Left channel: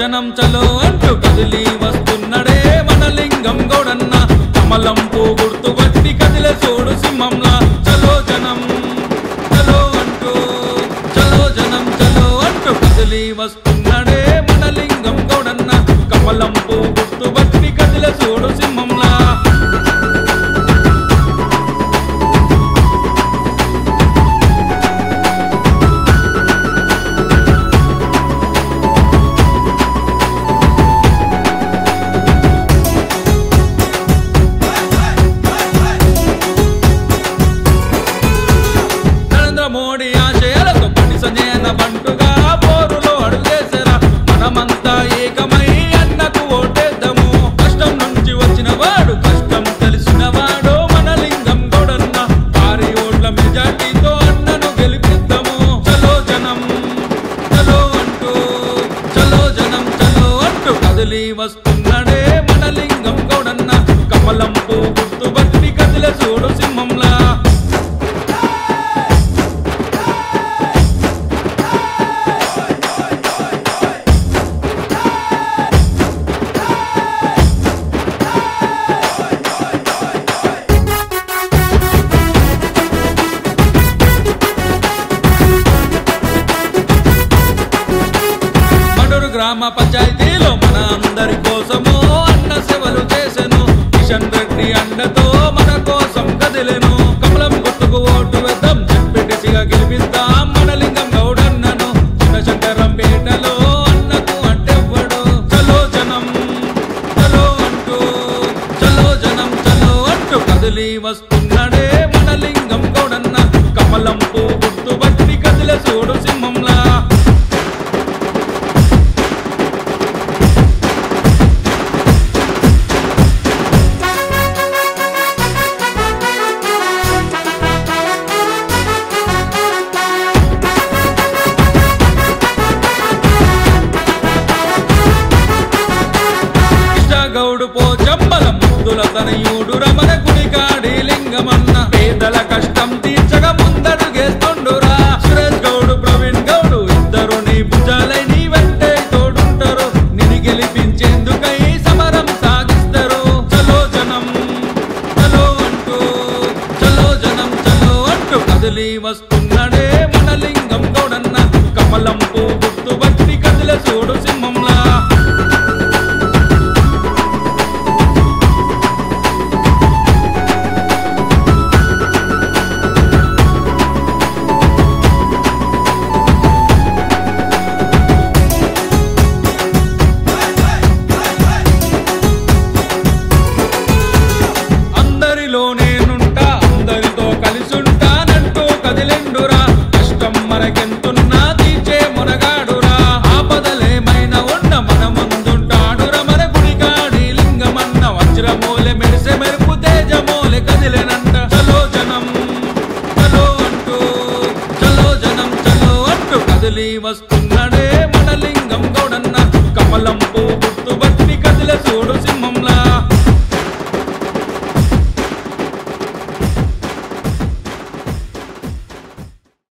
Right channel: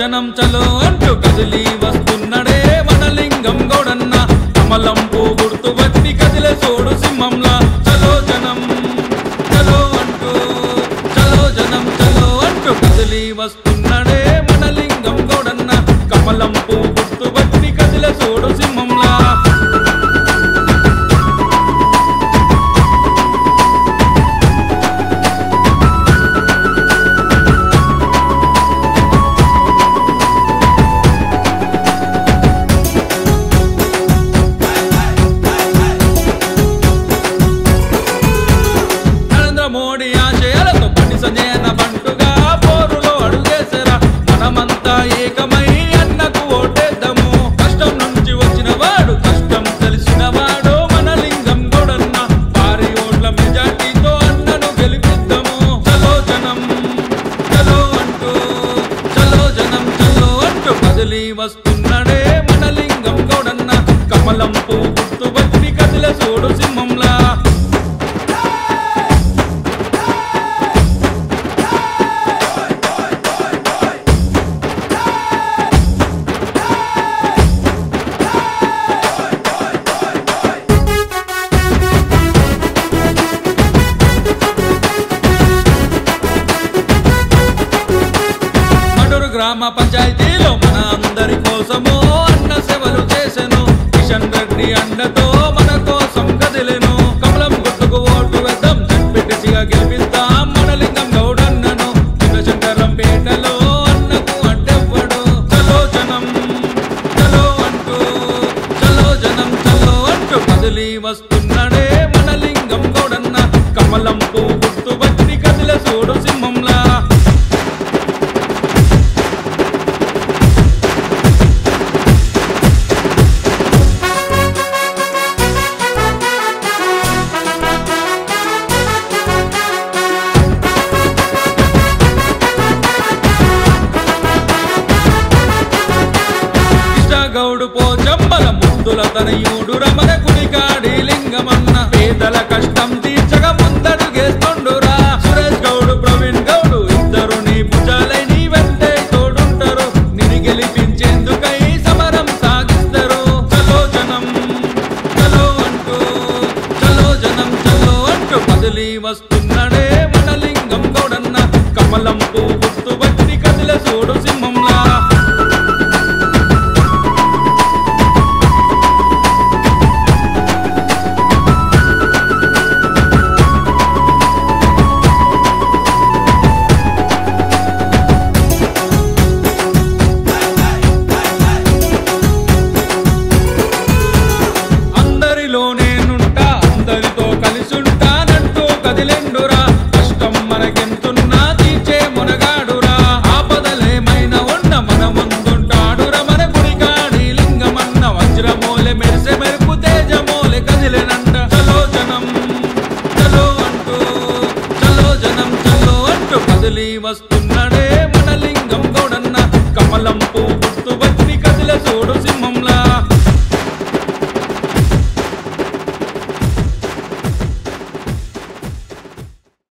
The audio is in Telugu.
జనం చలో అంటూ కదిలి వస్తున్నడే మన లింగం గౌడన్న కమలం పూ గుర్తు బట్టి కదిలే చూడు సింహంలా చలో జనం చలో అంటూ చలో జనం చలో అంటూ కదిలి వస్తున్నడే మన లింగం గౌడన్న కమలం పూ గుర్తు బట్టి కదిలే చూడు సింహంలా మోడీ ఆశయాలతో బండి సంజయన బంటుగా పోరులో అడుగేసరా మనమంతా ఏకమై అన్నకు ఓటేద్దాము కష్టం నుంచి వచ్చిన వాడు కష్టం తెలిసిన వాడు మన లింగం గౌడన్న భారీ ఓట్ల మెజార్టీతో అన్నను గెలిపిద్దాము చలో జనం చలో అంటూ చలో జనం చలో అంటూ కదిలి వస్తున్నడే మన లింగం గౌడన్న కమలం పూ గుర్తు బట్టి కదిలే చూడు సింహంలా గ్రామ పంచాయతీలో మన అందరి కోసము అన్న సేవలు చేసెను కిషన్ రెడ్డి అండతో మన కోసం కదిలెను కమలం గుర్తుకు ఓటు వేద్దాం జడ్పీటీసీగా గెలిపిద్దాం మన లింగం గౌడన్నను చిన్నశంకరంపేటలో అన్నకు అడ్డెవ్వడు చలో జనం చలో అంటూ చలో జనం చలో అంటూ కదిలి వస్తున్నడే మన లింగం గౌడన్న కమలం పూ గుర్తు బట్టి కదిలే చూడు సింహంలా గౌడు పోచమ్మల ముద్దుల తనయుడు రమణ గుడికాడి లింగమన్న పేదల కష్టం తీర్చగా ముందడుగేస్తుండురా సురేష్ గౌడు ప్రవీణ్ గౌడు ఇద్దరు నీ భుజాలై నీ వెంటే తోడుంటారు నిన్ను గెలిపించేందుకై సమరం సాగిస్తారు చలో జనం చలో అంటూ చలో జనం చలో అంటూ కదిలి వస్తున్నడే మన లింగం గౌడన్న కమలం పూ గుర్తు బట్టి కదిలే చూడు సింహంలా నేనుంటా అందరితో కలిసుంటానంటూ కదిలెండురా కష్టం మనకెంతున్నా తీర్చే మునగాడురా ఆపదలేమైనా ఉన్న మన ముందుంటాడురా మన గుడికాడి లింగమన్న వజ్రమూలె మెరిసే మెరుపు తేజమూలె కదిలెనంట చలో జనం చలో అంటూ చలో జనం చలో అంటూ కదిలి వస్తున్నడే మన లింగం గౌడన్న కమలం పూ గుర్తు బట్టి